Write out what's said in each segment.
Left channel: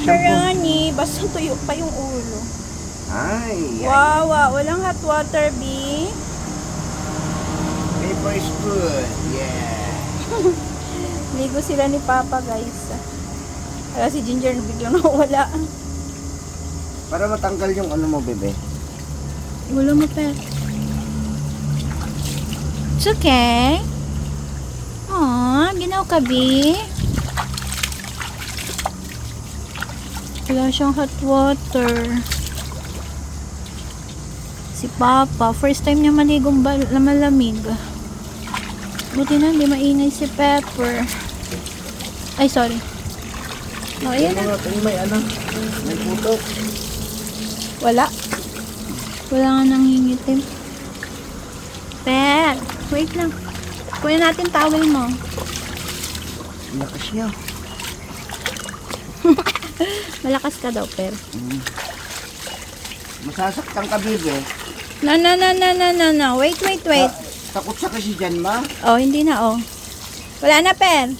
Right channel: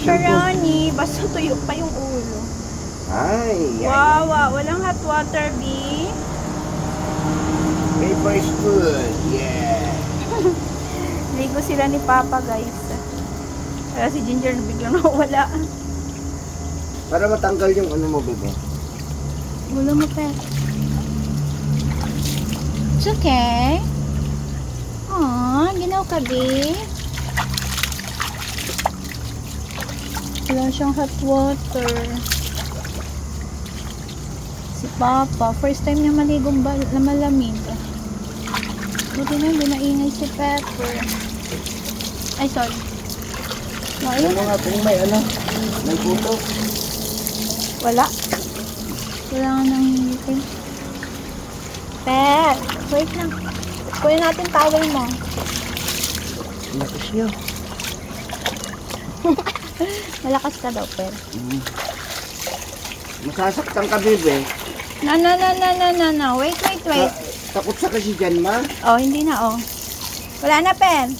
Macaroni. Basta tuyo pa yung ulo. Ay, Wow, walang hot water, B. paper is good. Yeah. Ligo sila ni Papa, guys. Wala si Ginger na biglang nawala. Para matanggal yung ano mo, bebe. Wala mo pa. It's okay. Aww, ginaw ka, B. Wala siyang hot water. Si Papa, first time niya maligong na malamig. Buti na hindi mainay si Pepper. Ay, sorry. Oh, ayan Ano na. natin may ano? May puto. Wala. Wala nga nang hingitin. Pep, wait lang. Kunin natin towel mo. Naku siya. Malakas ka daw, Pep. Masasaktan ka, bebe. No. Wait. Takot sa kasi dyan, ma. Oh, hindi na, oh. Wala na, Pep.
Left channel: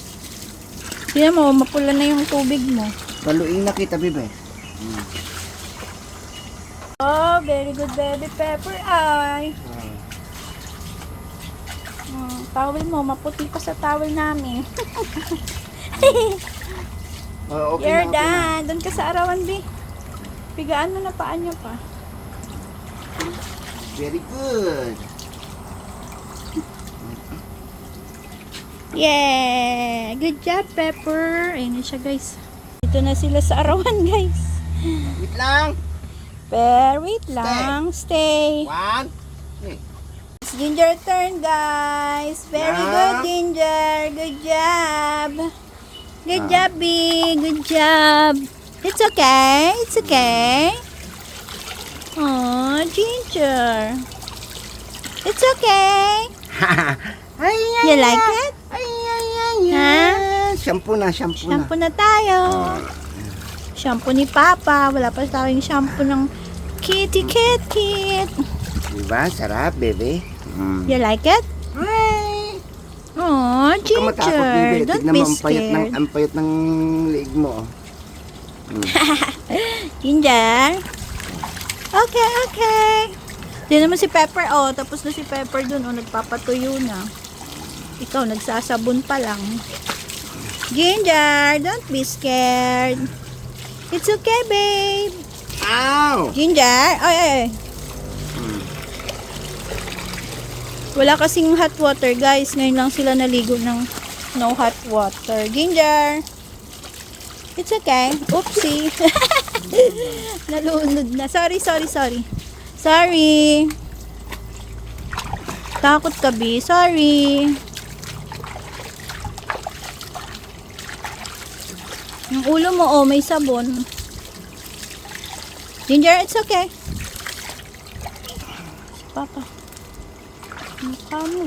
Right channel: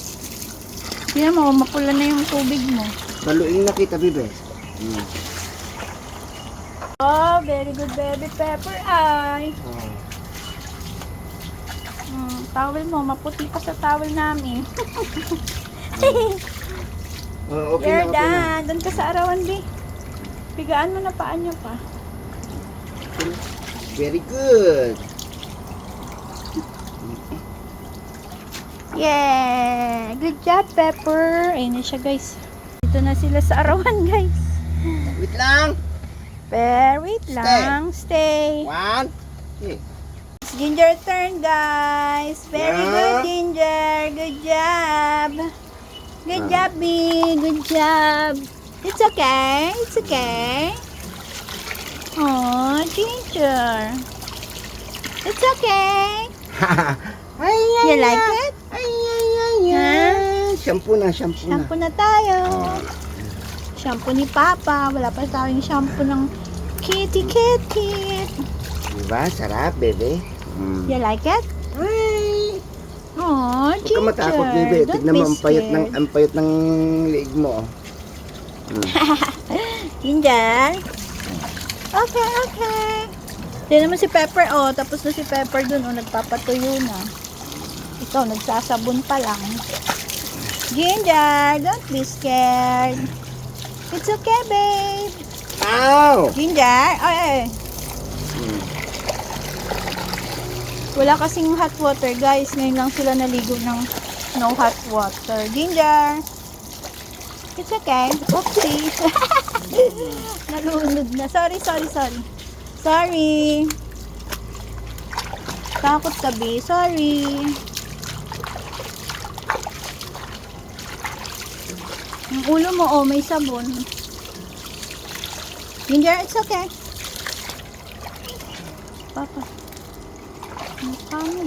Hindi mo, mapula na yung tubig mo. Baluin na kita, bebe. Oh, very good, baby Pepper. Ay. Towel mo, maputi pa sa towel namin. Okay You're na, okay na. done. Doon ka sa arawan, B. Pigaan mo na paan niya pa. Very good. Yeah! Good job, Pepper. Ayun na siya, guys. Dito na sila sa arawan, guys. Wait lang. Wait lang. Stay. One. It's Ginger turn, guys. Very Yeah. good, Ginger. Good job. Good job, B. Good job. It's okay. It's okay. Oh, Ginger. It's okay. Ay, You like it? Ay. Ha? Shampoo na. Shampoo na tayo. Shampoo ni Papa. Wala pa tayong shampoo ng kitty. Diba? Sarap, bebe. You like it? Ay. Oh, Huwag ka Ginger. matakot, bebe. Don't Tignan be mo, scared. ang payat ng leeg mo. Ginger. Okay. Yan naman si Pepper. Oh, tapos na si Pepper dun. Oh, nagpapatuyo na. Ikaw, nagsasabon pa lang. Ginger, don't be scared. It's okay, babe. Ow! Ginger, ay. Wala kasing hot water, guys. Ngayon lang sila naligo ng no hot water. Ginger. It's okay. Oopsie. Nalunod na. Sorry. Takot ka, B. Sorry. Yung ulo mo, oh, may sabon. Ginger, it's okay. Papa. Ano pa mo?